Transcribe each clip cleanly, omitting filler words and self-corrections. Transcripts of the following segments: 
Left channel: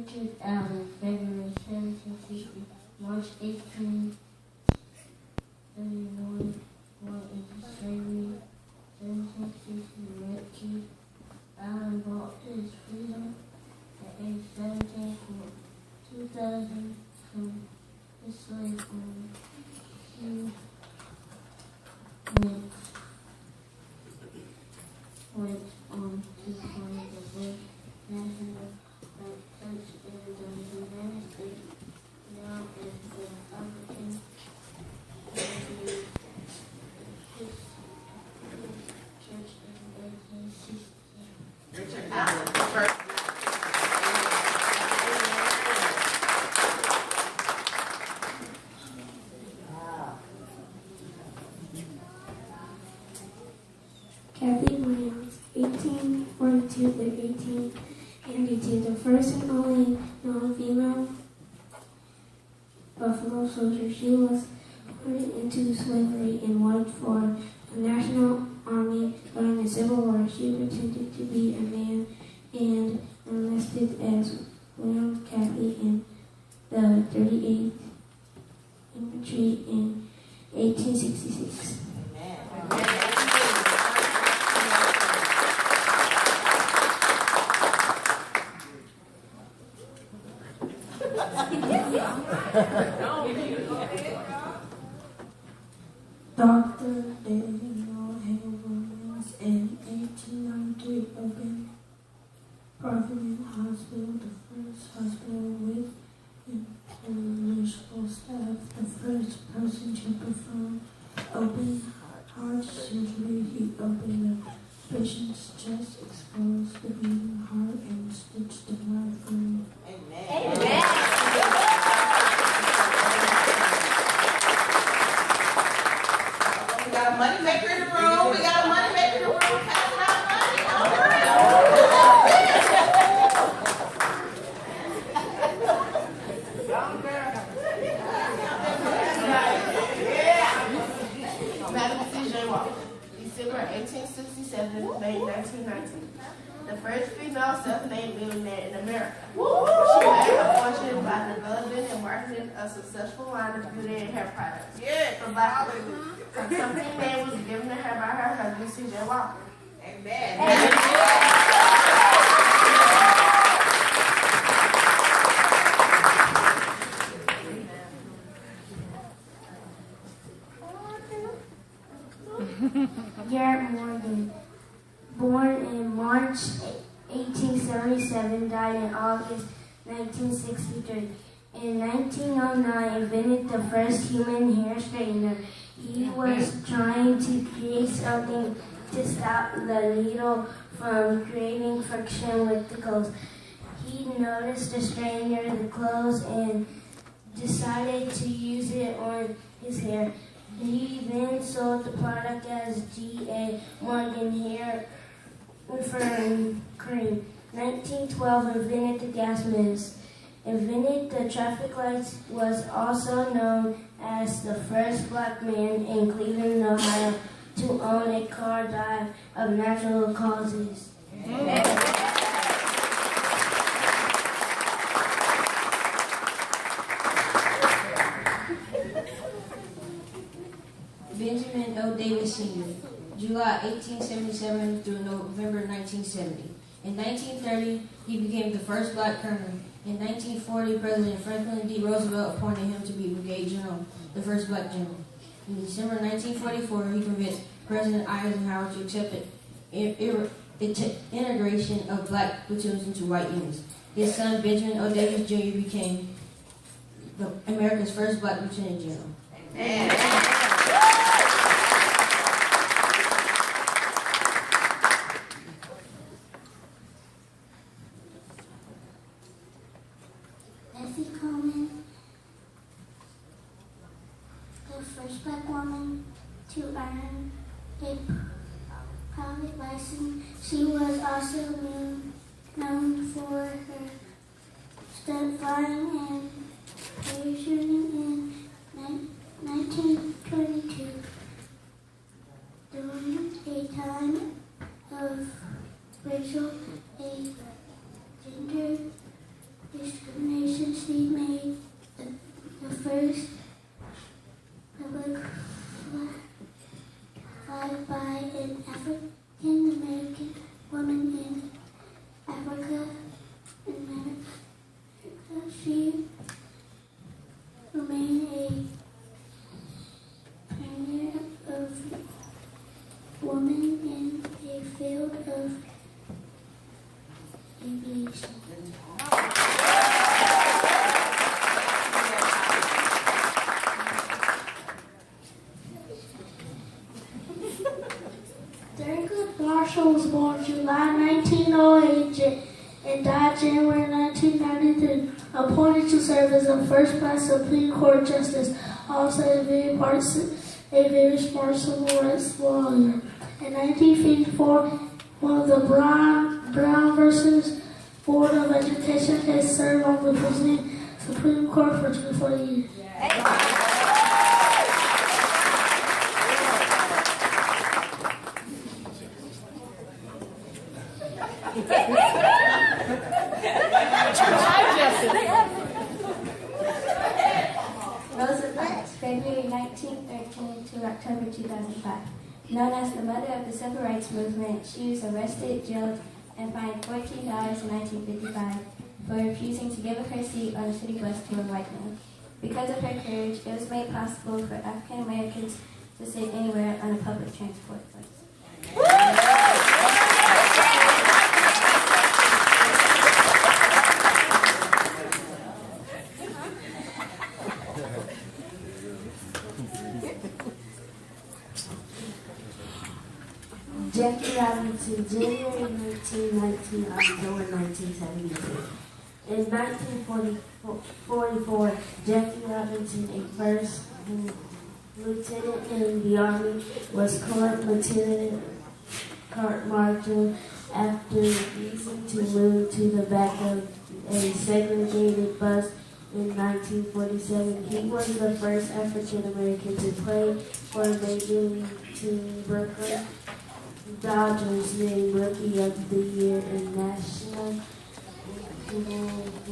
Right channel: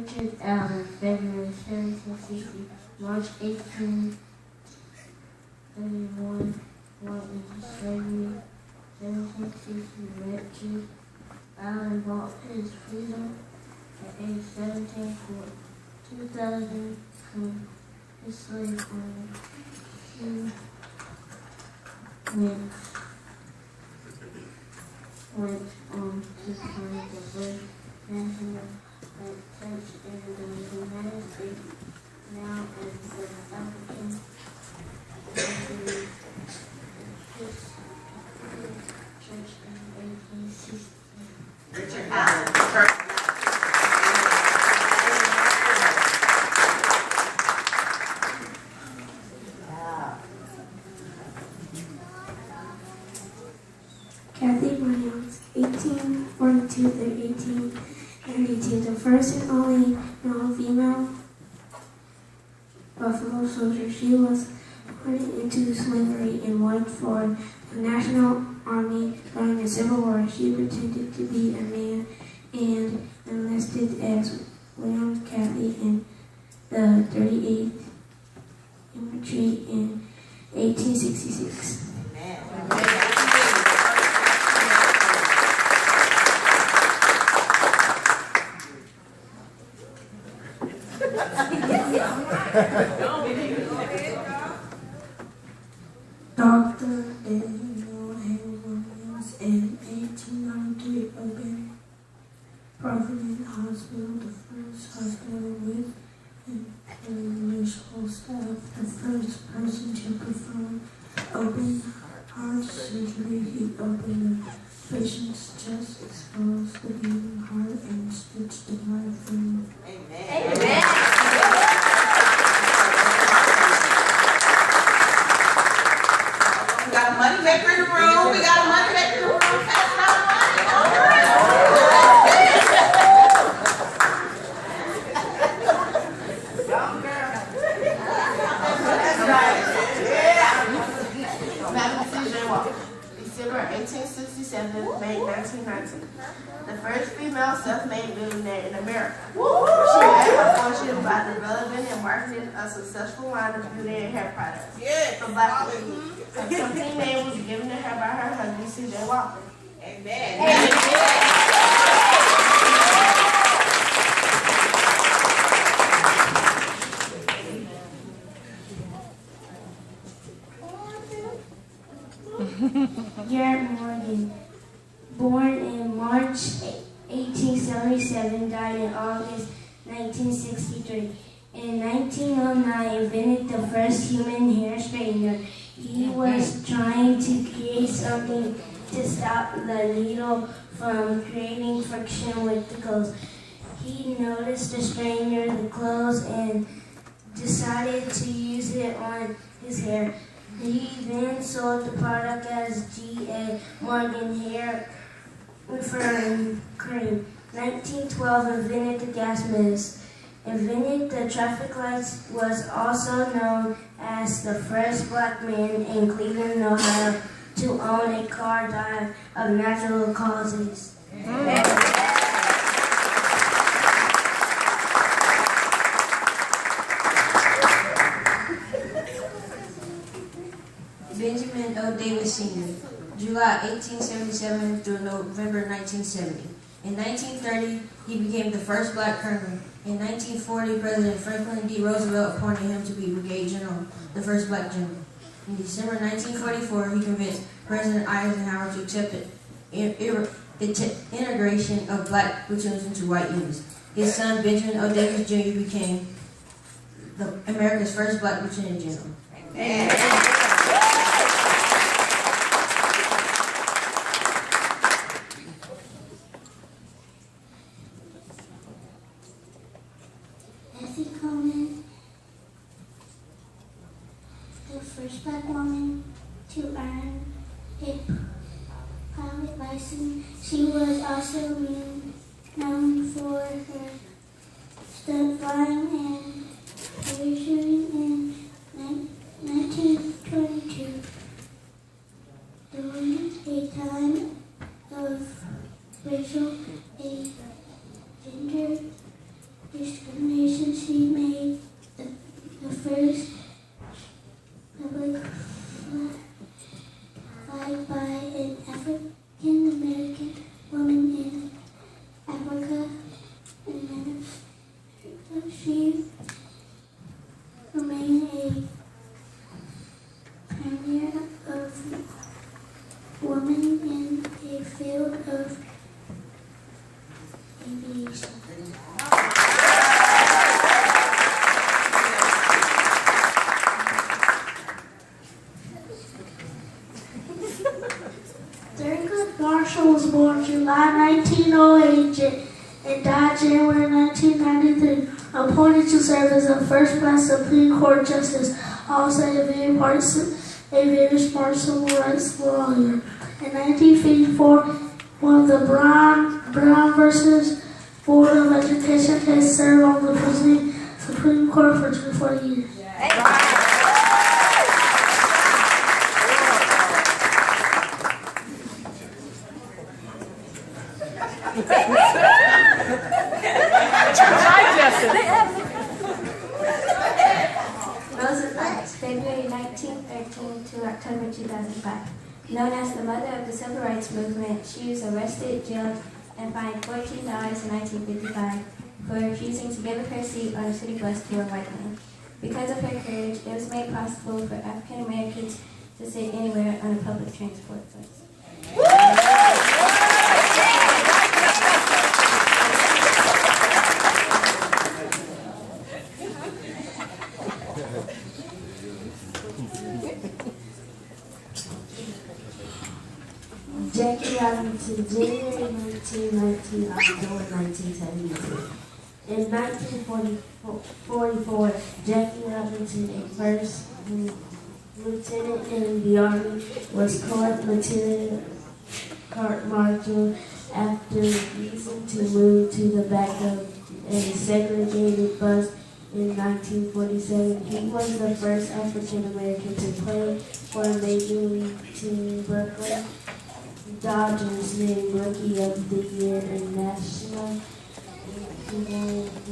Richard Allen, February 1760, March 1831, born in slavery, 1760, Richard Allen bought his freedom at age 17 for 2,000 from his slave owner. He went on to find the first national church in the United States, now in the African church in 1860. Richard Allen, first. Kathy Williams, 1842 through 1892, the first and only non-female Buffalo soldier. She was put into slavery and worked for the National Army during the Civil War. She pretended to be a man and enlisted as Williams Kathy in the 38th Infantry in 1866. Dr. Daniel Hale Williams in 1893 opened Providence Hospital, the first hospital with interracial staff, the first person to perform open heart surgery. He opened the patient's chest, exposed the beating heart, and stitched the blood free. Amen. Amen. We got a money maker in the room. We got a money maker in the room. Pass out money. All right. Madam C.J. Walker, December 1867, May 1919. The first female self-made millionaire in America. She made her fortune by developing and marketing a successful line of beauty and hair products for Black women. Her company name was given to her by her husband, C.J. Walker. Amen. Garrett Morgan, born in March 1877, died in August 1963. In 1909, invented the first human hair straightener. He was trying to create something to stop the needle from creating friction with the clothes. He noticed the straightener, the clothes, and decided to use it on his hair. He then sold the product as G.A. Morgan Hair Referring Cream. 1912, invented the gas mist. Invented the traffic lights, was also known as the first Black man in Cleveland, Ohio, to own a car died of natural causes. Benjamin O. Davis Sr., July 1877 through November 1970. In 1930, he became the first Black colonel. In 1940, President Franklin D. Roosevelt appointed him to be Brigadier General, the first Black general. In December 1944, he convinced President Eisenhower to accept the integration of Black platoons into white units. His son, Benjamin O. Davis Jr., became America's first Black lieutenant general. Amen. First Black woman to earn a pilot license. She was also known for her stunt flying and parachuting in 1922. During a time of racial and gender first public flag by an African American woman in Africa. She remained a pioneer of women in the field of aviation. Thurgood Marshall was born July 1908 and died January 1993. Appointed to serve as the first black Supreme Court Justice, also a very smart civil rights lawyer. In 1954, won the Brown versus Board of Education case, served on the Supreme Court for 24 years. Roosevelt, February 1913 to October 2005. Known as the mother of the civil rights movement, she was arrested, jailed, and fined $14 in 1955 for refusing to give up her seat on a city bus to a white man. Because of her courage, it was made possible for African Americans to sit anywhere on a public transport bus. Jackie Robinson, January 1919, October 1972. In 1944, Jackie Robinson, a first lieutenant in the Army, was court-martialed after refusing to move to the back of a segregated bus in 1947. He was the first African American to play for a major league team, Brooklyn Dodgers, named Rookie of the Year and National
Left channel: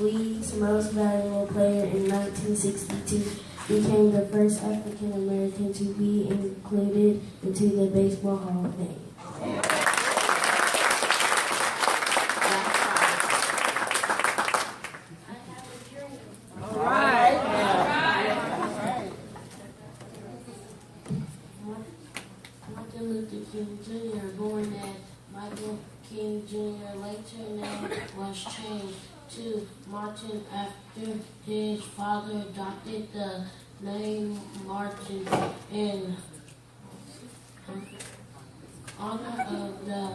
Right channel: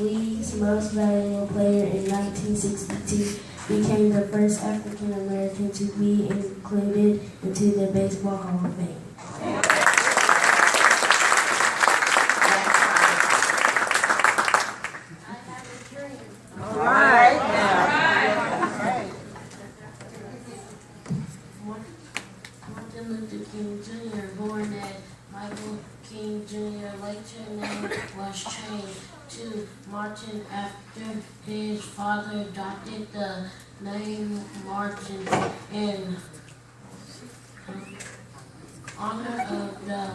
League's Most Valuable Player in 1962, became the first African American to be included into the Baseball Hall of Fame. Martin Luther King Jr., born as Michael King Jr., later name was changed to Martin after his father adopted the name Martin in honor of the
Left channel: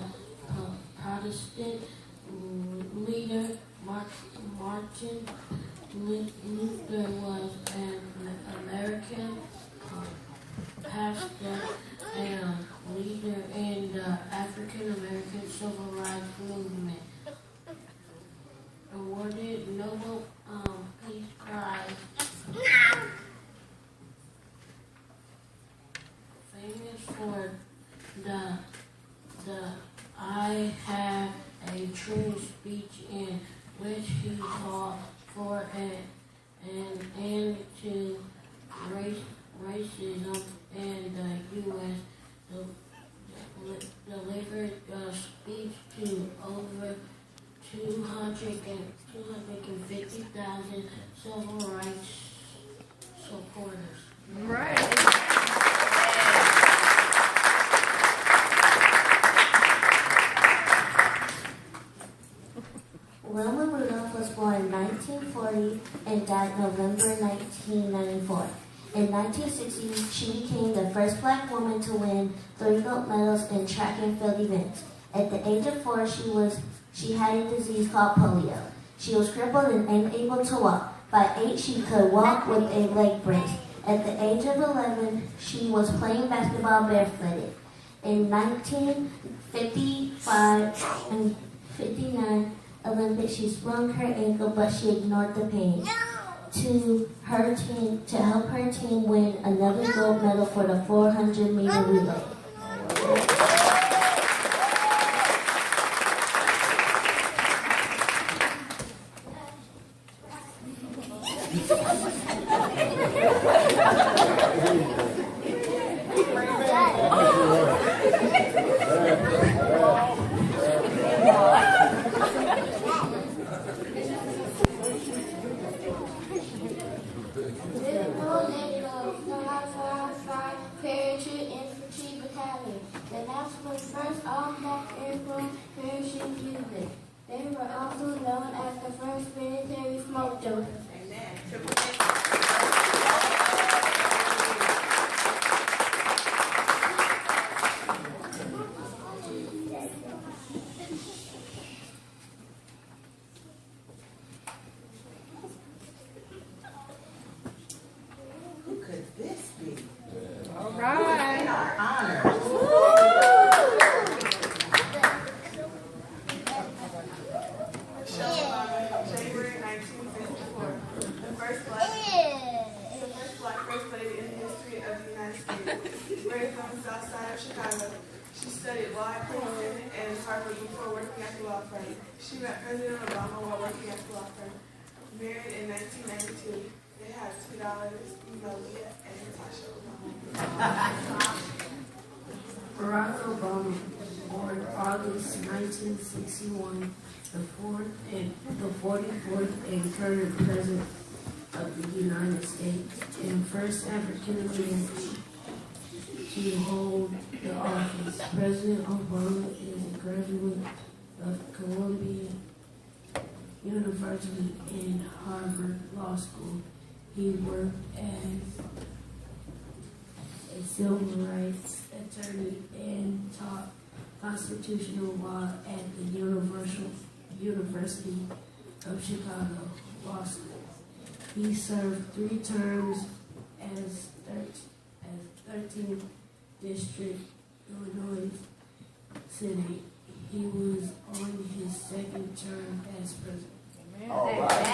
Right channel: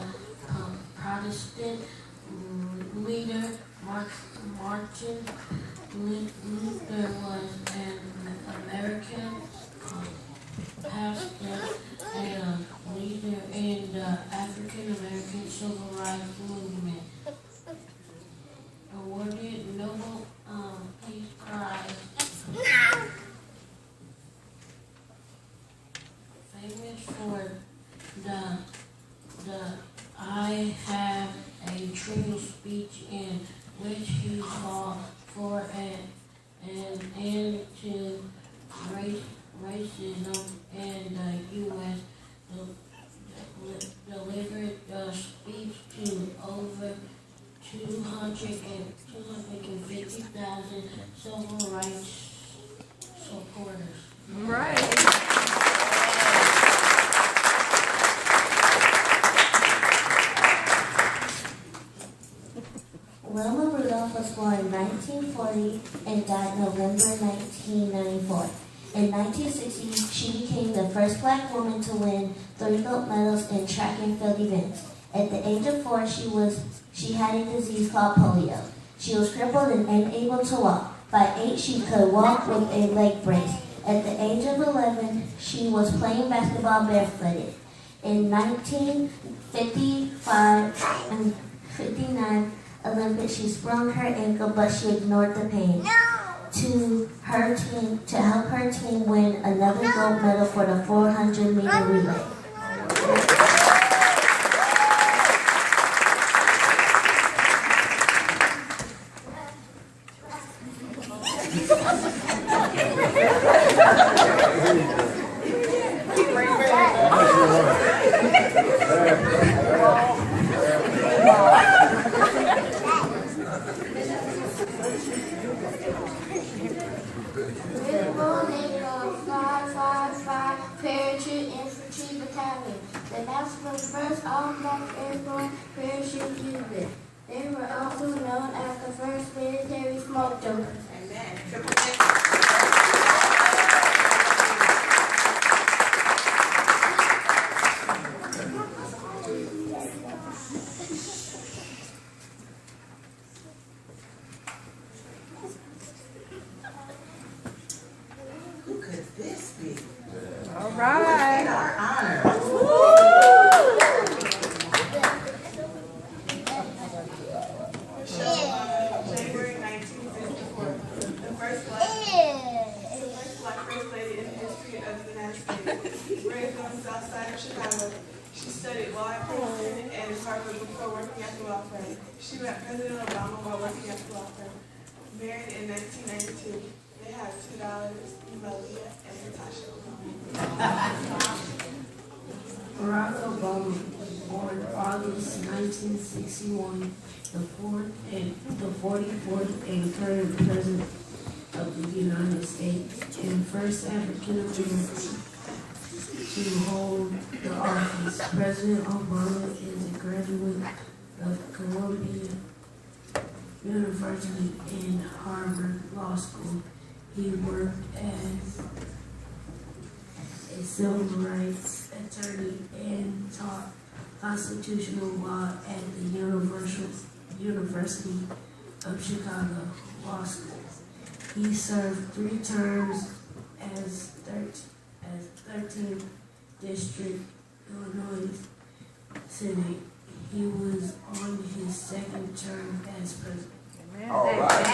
Protestant leader Martin Luther was an American pastor and leader in the African American Civil Rights Movement. Awarded Nobel Peace Prize. Famous for the I Have a True speech in which he called for an end to racism in the U.S. Delivered the speech to over 250,000 civil rights supporters. Right. Wilma Rudolph was born in 1940 and died November 1994. In 1960, she became the first black woman to win 3 gold medals in track and field events. At the age of 4, she had a disease called polio. She was crippled and unable to walk. By 8, she could walk with a leg brace. At the age of 11, she was playing basketball barefooted. In 1955 and 59 Olympics, she sprained her ankle, but she ignored the pain. To help her team win another gold medal for the 400-meter relay. as the first all-black airborne parachute unit. They were also known as the first military smoke jumpers. Amen. Triple X. Who could this be? All right. In our honor. January 1954, the first black first lady in the history of the United States. Raised on the south side of Chicago, she studied law at Princeton and Harvard before working at the law firm. She met President Obama while working at the law firm. Married in 1992, they have two daughters, Emelia and Natasha Obama. Barack Obama, born August 1961, the 44th and current President of the United States and first African American to hold the office. President Obama is a graduate of Columbia University and Harvard Law School. He worked as a civil rights attorney and taught constitutional law at the University of Chicago Law School. He served 3 terms as 13th District Illinois Senate. He was on his 2nd term as president. All right.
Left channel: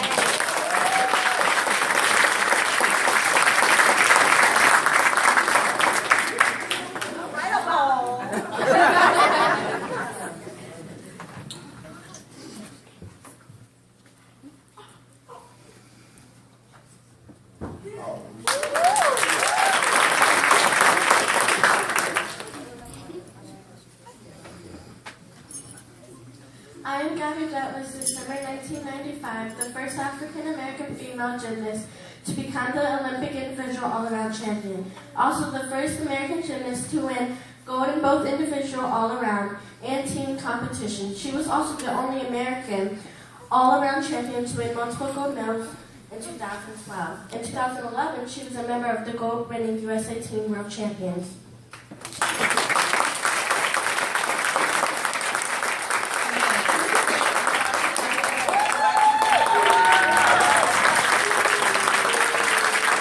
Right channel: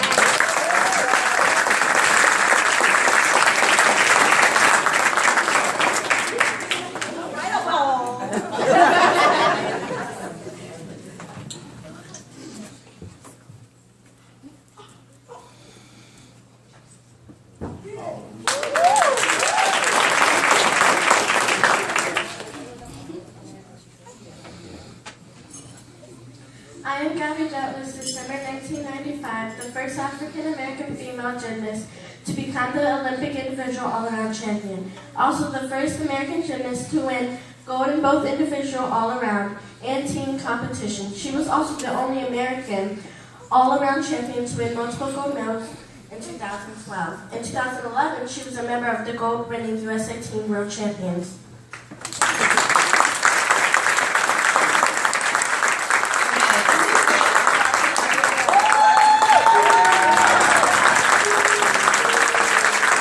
I am Gabby Douglas, December 1995, the first African-American female gymnast to become the Olympic individual all-around champion. Also the first American gymnast to win gold in both individual all-around and team competitions. She was also the only American all-around champion to win multiple gold medals in 2012. In 2011, she was a member of the gold-winning USA Team World Champions.